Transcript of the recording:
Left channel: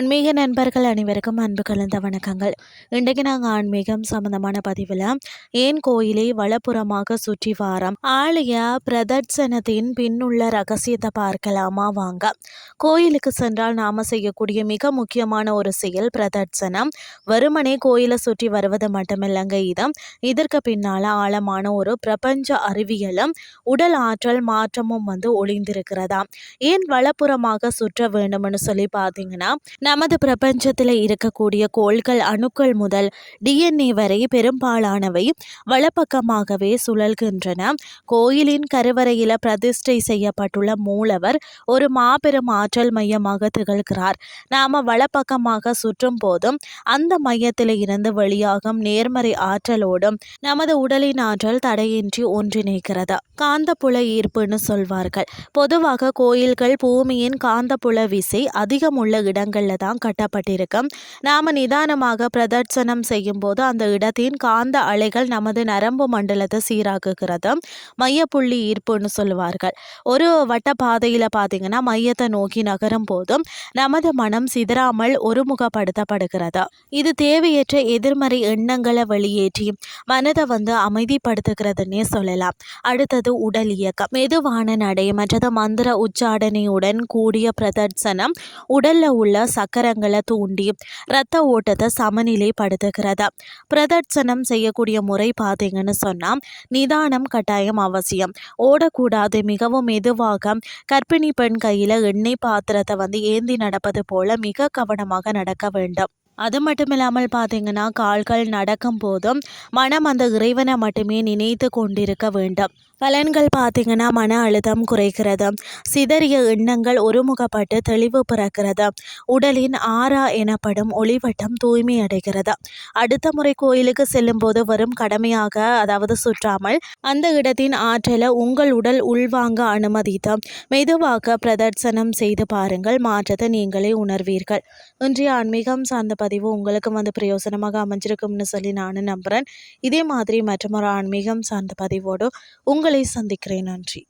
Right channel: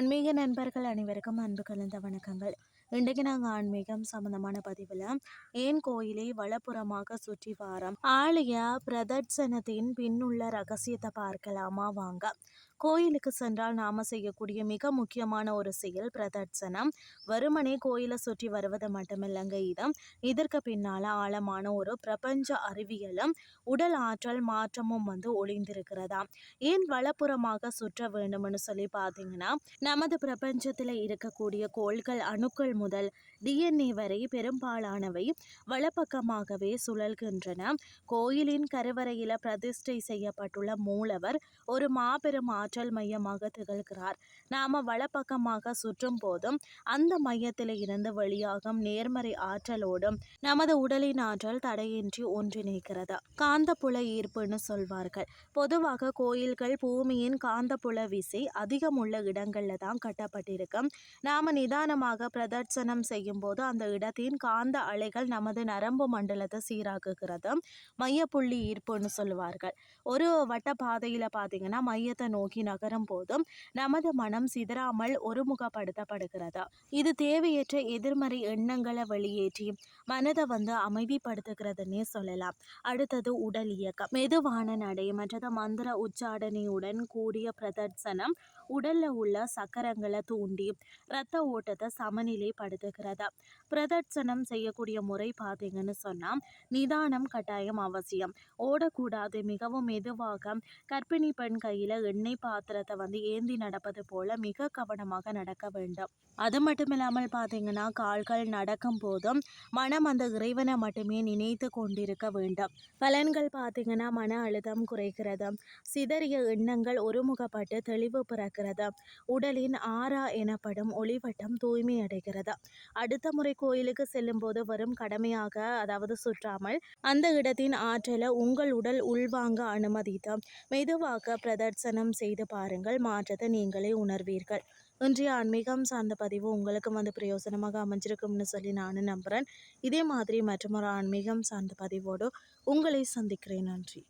ஆன்மீக நண்பர்கள் அனைவருக்கும் அன்பு கலந்த வணக்கங்கள். இன்றைக்கு நாங்கள் ஆன்மீகம் சம்பந்தமான பதிவில் ஏன் கோயிலை வலப்புறமாக சுற்றி வாரம் ஆலய பிரதட்சணத்தின் பின்னுள்ள ரகசியத்தை பார்க்கலாமா வாங்க. கோயிலுக்கு சென்றால் நாம செய்யக்கூடிய மிக முக்கியமான ஒரு செயல் பிரதட்சணம். வெறுமனே கோயிலை சுற்றி வருவது மட்டுமில்லைங்க, இதற்கு பின்னால ஆழமான ஒரு பிரபஞ்ச அறிவியலும் உடல் ஆற்றல் மாற்றமும் ஒளிந்திருக்கிறதா. ஏன் வலப்புறமாக சுற்ற வேண்டும்னு சொல்லி பார்த்தீங்கன்னா, நமது பிரபஞ்சத்தில் இருக்கக்கூடிய கோள்கள் அணுக்கள் முதல் டிஎன்ஏ வரை பெரும்பாலானவை வலப்பக்கமாகவே சுழல்கின்றன. கோயிலின் கருவறையில் பிரதிஷ்டை செய்யப்பட்டுள்ள மூலவர் ஒரு மாபெரும் ஆற்றல் மையமாக திகழ்கிறார். நாம வலப்பக்கமாக சுற்றும் போதும் அந்த மையத்தில் இருந்து வெளியாகும் நேர்மறை ஆற்றலோடும் நமது உடலின் ஆற்றல் தடையின்றி ஒன்றிணைக்கிறது. காந்தப்புல ஈர்ப்புன்னு சொல்வார்கள். பொதுவாக கோயில்கள் பூமியின் காந்தப்புல விசை அதிகம் உள்ள இடங்கள்ல தான் கட்டப்பட்டிருக்கும். நாம நிதானமாக பிரதட்சணம் செய்யும் போது அந்த இடத்தின் காந்த அலைகள் நமது நரம்பு மண்டலத்தை சீராக்குகிறது. மையப்புள்ளி ஈர்ப்புன்னு சொல்லுவார்கள். ஒரு வட்ட பாதையில பார்த்தீங்கன்னா மையத்தை நோக்கி நகரும் போதும் நமது மனம் சிதறாமல் ஒருமுகப்படுத்தப்படுகிறது. இது தேவையற்ற எதிர்மறை எண்ணங்களை வெளியேற்றி மனதை அமைதிப்படுத்துகிறதுன்னே சொல்லலாம். அடுத்தது உடல் இயக்கம். மெதுவான நடை மற்றது மந்திர உச்சாடனையுடன் கூடிய பிரதட்சணம் உடல்ல உள்ள சக்கரங்களை தூண்டி இரத்த ஓட்டத்தை சமநிலைப்படுத்துகிறது. பிரதட்சணம் செய்யக்கூடிய முறை பார்த்தீங்கன்னு சொன்னால் நிதானம் கட்டாயம் அவசியம். ஓடக்கூடாது. மிகவும் மெதுவாக கர்ப்பிணி பெண் கையில் எண்ணெய் பாத்திரத்தை ஏந்தி நடப்பது போல மிக கவனமாக நடக்க வேண்டும். அது மட்டும் இல்லாமல் பார்த்தீங்கன்னா கால்கள் நடக்கும் போதும் மனம் அந்த இறைவனை மட்டுமே நினைத்து கொண்டிருக்க வேண்டும். பலன்கள் பார்த்தீங்கன்னா மன அழுத்தம் குறைக்கிறது. சிதறிய எண்ணங்கள் ஒருமுகப்பட்டு தெளிவு பிறக்கிறது. உடலின் ஆறா எனப்படும் ஒளிவட்டம் தூய்மை அடைகிறது. அடுத்த முறை கோயிலுக்கு செல்லும் போது வரும் கடமையாக சுற்றாமல் அந்த இடத்தின் ஆற்றலை உங்கள் உடல் உள்வாங்க அனுமதித்து மெதுவாக பிரதட்சணம் செய்து பாருங்கள். மாற்றத்தை நீங்களே உணர்வீர்கள். இன்றைய ஆன்மீகம் சார்ந்த பதிவு உங்களுக்கு பிரயோசனமாக அமைஞ்சிருக்கும்னு சொல்லி நானும் நம்புகிறேன். இதே மாதிரி மற்றொரு ஆன்மீகம் சார்ந்த பதிவோடு உங்களை சந்திக்கிறேன். நன்றி.